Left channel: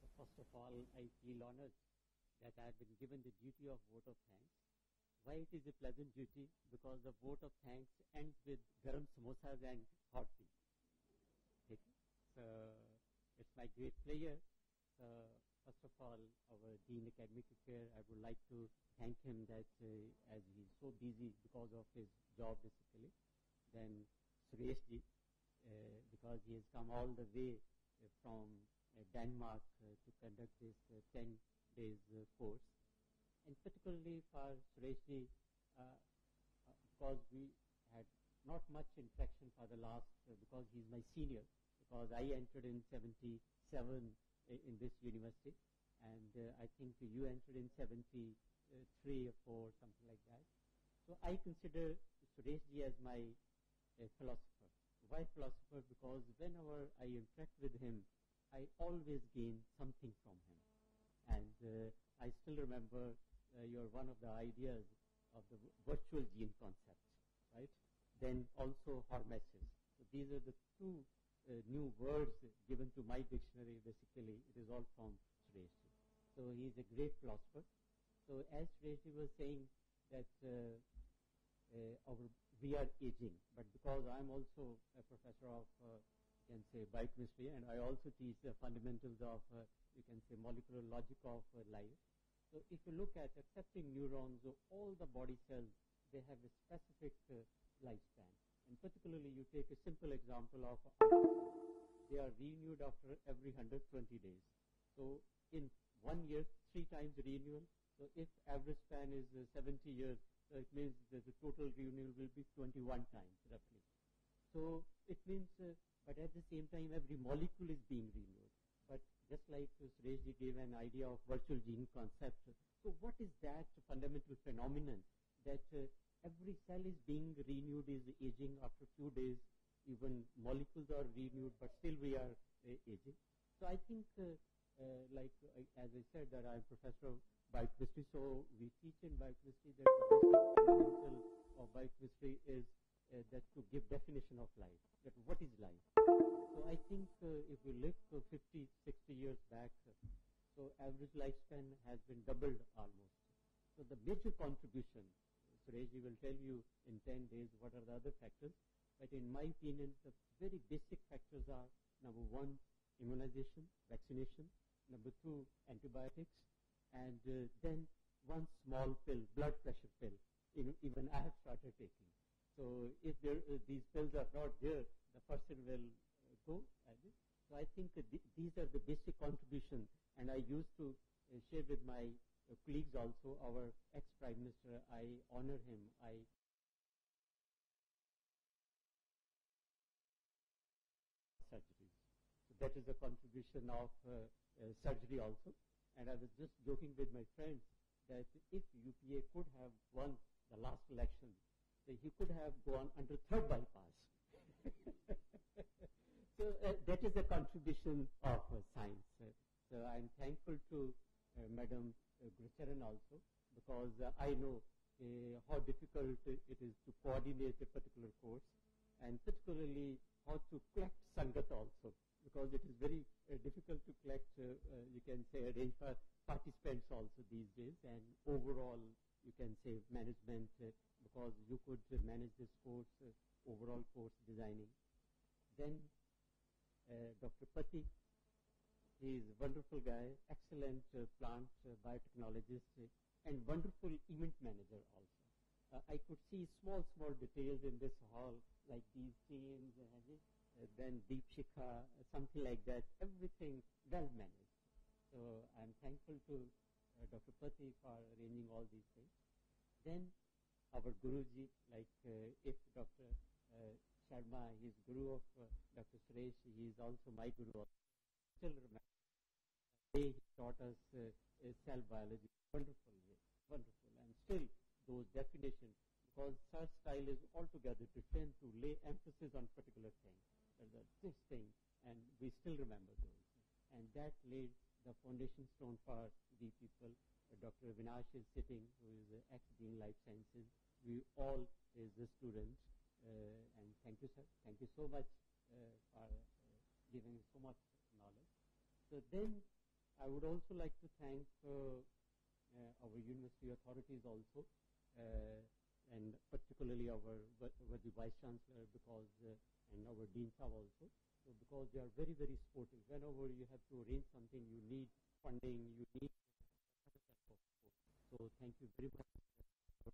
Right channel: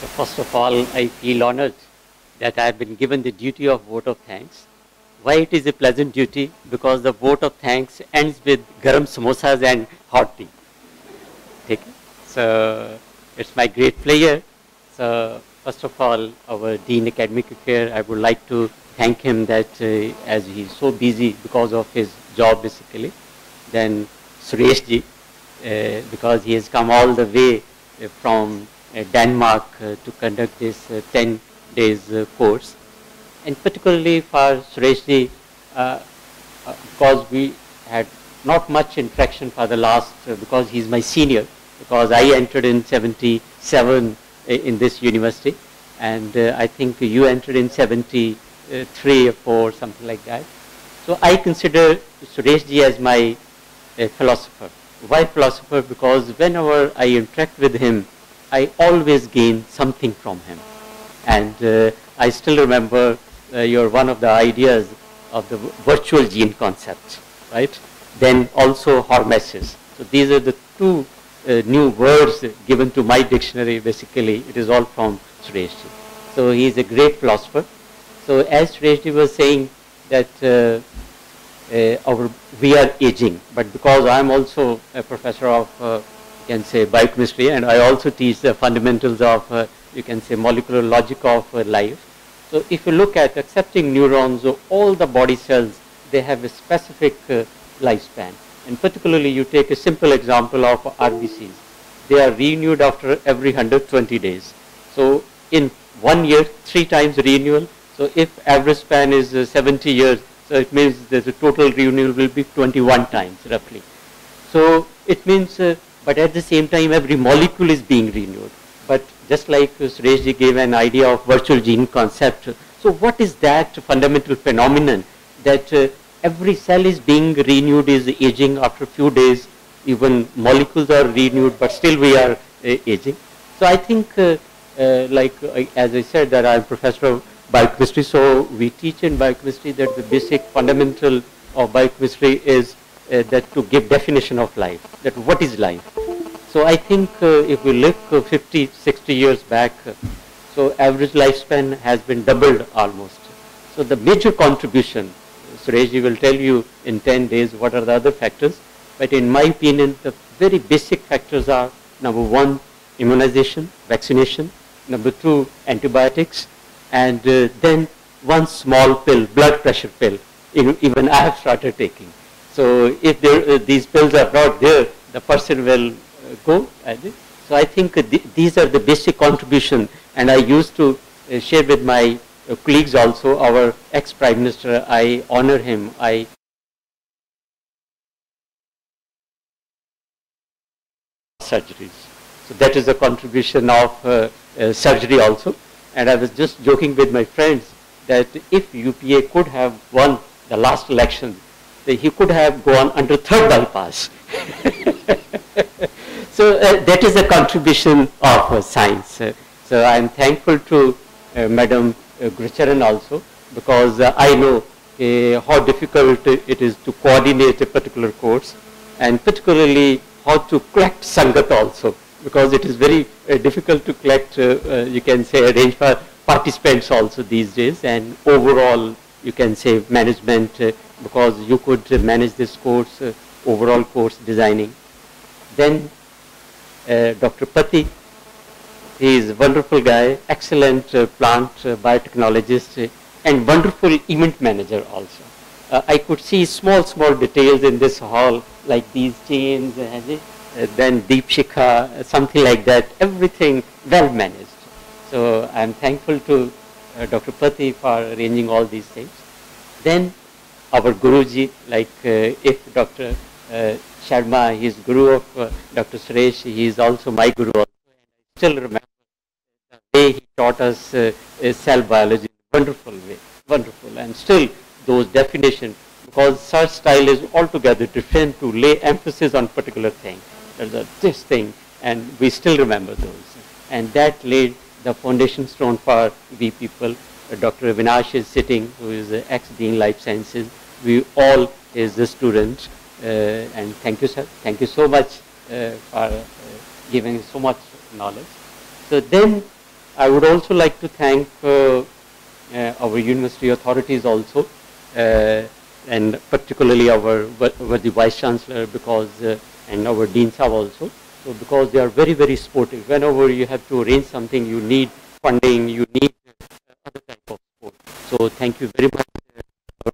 So first of all, I feel honored that I have been given the duty of vote of thanks. Why it is a pleasant duty? Because the vote of thanks ends with garam samosas and hot tea. Okay? So it's my great pleasure. So first of all, our Dean Academic Affairs, I would like to thank him that as he's so busy because of his job basically. Then Suresh ji, because he has come all the way from Denmark to conduct this 10 days course. And particularly for Suresh ji, because we had not much interaction for the last, because he's my senior, because I entered in 77 in this university, and I think you entered in 73 or 4, something like that. So I consider Suresh ji as my philosopher. Why philosopher? Because whenever I interact with him, I always gain something from him. And I still remember your one of the ideas of the virtual gene concept, right? Then also hormesis. So these are the two new words given to my dictionary. Basically, it is all from Suresh ji. So he is a great philosopher. So as Suresh ji was saying that we are aging, but because I am also a professor of, you can say, biochemistry, and I also teach the fundamentals of, you can say, molecular logic of life. So if you look at accepting neurons, all the body cells, they have a specific lifespan. And particularly you take a simple example of RBCs. They are renewed after every 120 days. So in 1 year, 3 times renewal. So if average span is 70 years, so it means that the total renewal will be 21 times roughly. So it means, but at the same time, every molecule is being renewed. But just like Suresh ji gave an idea of virtual gene concept, so what is that fundamental phenomenon that every cell is being renewed, is aging after a few days, even molecules are renewed, but still we are aging. So I think, as I said, that I'm professor of biochemistry, so we teach in biochemistry that the basic fundamental of biochemistry is that to give definition of life, that what is life. So I think if we look 50, 60 years back, so average lifespan has been doubled almost. So the major contribution, Suresh ji will tell you in 10 days what are the other factors, but in my opinion, the very basic factors are, number 1, immunization, vaccination, number 2, antibiotics, and then one small pill, blood pressure pill, even I have started taking. So if these pills are not there, the person will go. So I think these are the basic contribution, and I used to share with my colleagues also, our ex-Prime Minister, I honor him. Surgeries. So that is a contribution of surgery also. And I was just joking with my friends that if UPA could have won the last election, he could have gone under 3rd bypass. So that is a contribution of science. So I am thankful to Madam Gurucharan also, because I know how difficult it is to coordinate a particular course, and particularly how to collect Sangat also, because it is very difficult to collect, you can say, arrange for participants also these days, and overall, you can say, management, because you could manage this course, overall course designing. Then Dr. Pati, he is a wonderful guy, excellent plant biotechnologist, and wonderful event manager also. I could see small details in this hall, like these chains, then Deep Shikha, something like that, everything well managed. So I'm thankful to Dr. Pati for arranging all these things. Then our Guruji, like if Dr. Sharma, he is Guru of Dr. Suresh, he is also my Guru also. I still remember the way he taught us cell biology, wonderful way, wonderful. And still those definitions, because search style is altogether different to lay emphasis on particular thing. There's this thing, and we still remember those. And that laid the foundation stone for we people. Dr. Avinash is sitting, who is ex-Dean Life Sciences. We all is the students. And thank you, sir. Thank you so much for giving so much knowledge. So then I would also like to thank our university authorities also, and particularly our the Vice Chancellor, because and our Dean Sahab also. So because they are very, very supportive. Whenever you have to arrange something, you need funding, you need other type of support. So thank you very much,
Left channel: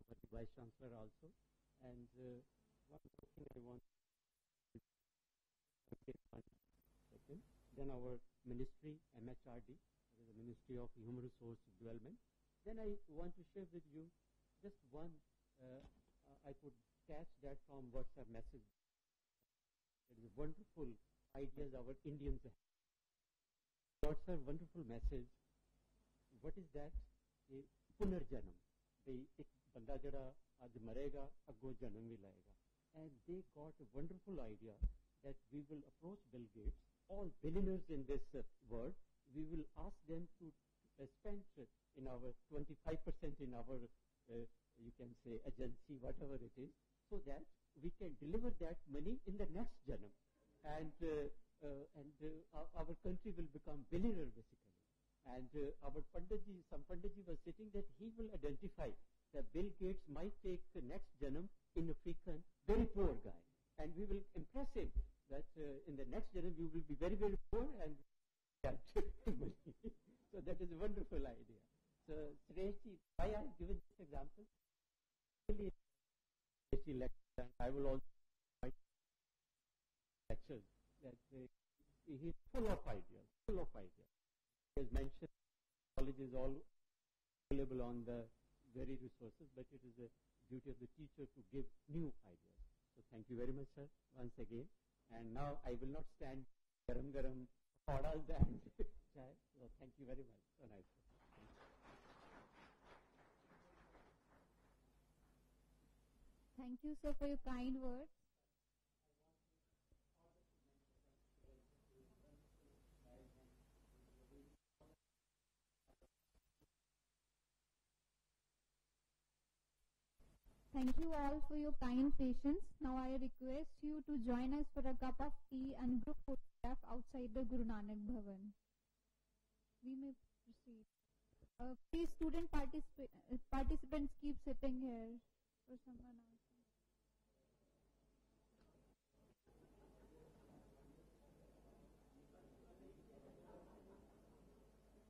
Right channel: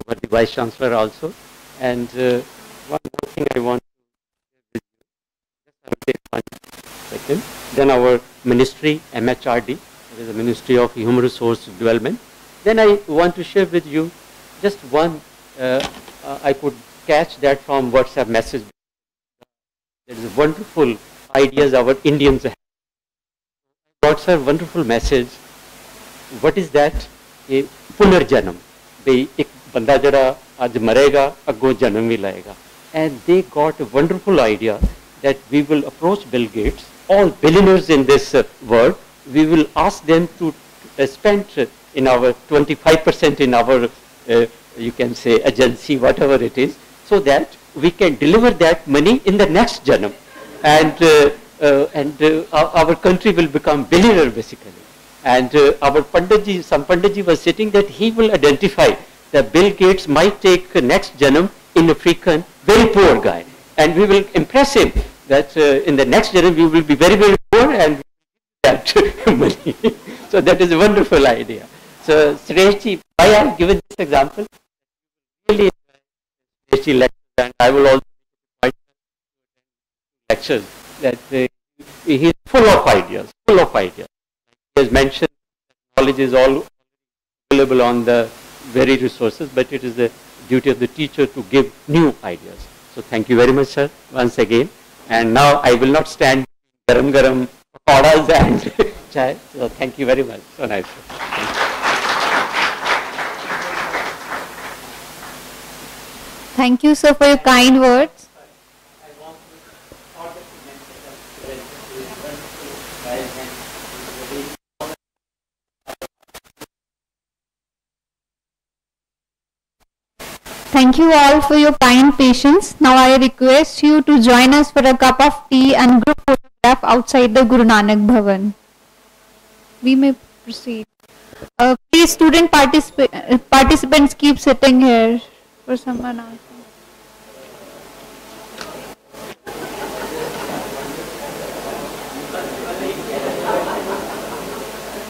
our the Vice Chancellor also. And one more thing I want to just take 1 second. Then our ministry, MHRD, that is the Ministry of Human Resource Development. Then I want to share with you just one, I could catch that from WhatsApp message. There is a wonderful ideas our Indians have. WhatsApp wonderful message. What is that? A पुनर्जन्म. भाई एक बंदा जड़ा आज मरेगा अगो जन्म भी लाएगा. And they got a wonderful idea that we will approach Bill Gates, all billionaires in this world. We will ask them to spend in our 25% in our, you can say, agency, whatever it is, so that we can deliver that money in the next janam. And our country will become billionaire basically. And our Panditji, some Panditji was sitting that he will identify that Bill Gates might take next janam in African, very poor guy. And we will impress him that in the next janam we will be very, very poor and that money. So that is a wonderful idea. So Sureshji, why I have given this example? Really Sureshji lecture, and I will also lectures that he is full of ideas, full of ideas. He has mentioned knowledge is all available on the very resources, but it is the duty of the teacher to give new ideas. So thank you very much, sir, once again. And now I will not stand garam garam pakoras and chai. So thank you very much. So nice. Thank you, sir, for your kind words. Thank you all for your kind patience. Now I request you to join us for a cup of tea and group photograph outside the Guru Nanak Bhavan. We may proceed. Please, student participants, keep sitting here for someone else.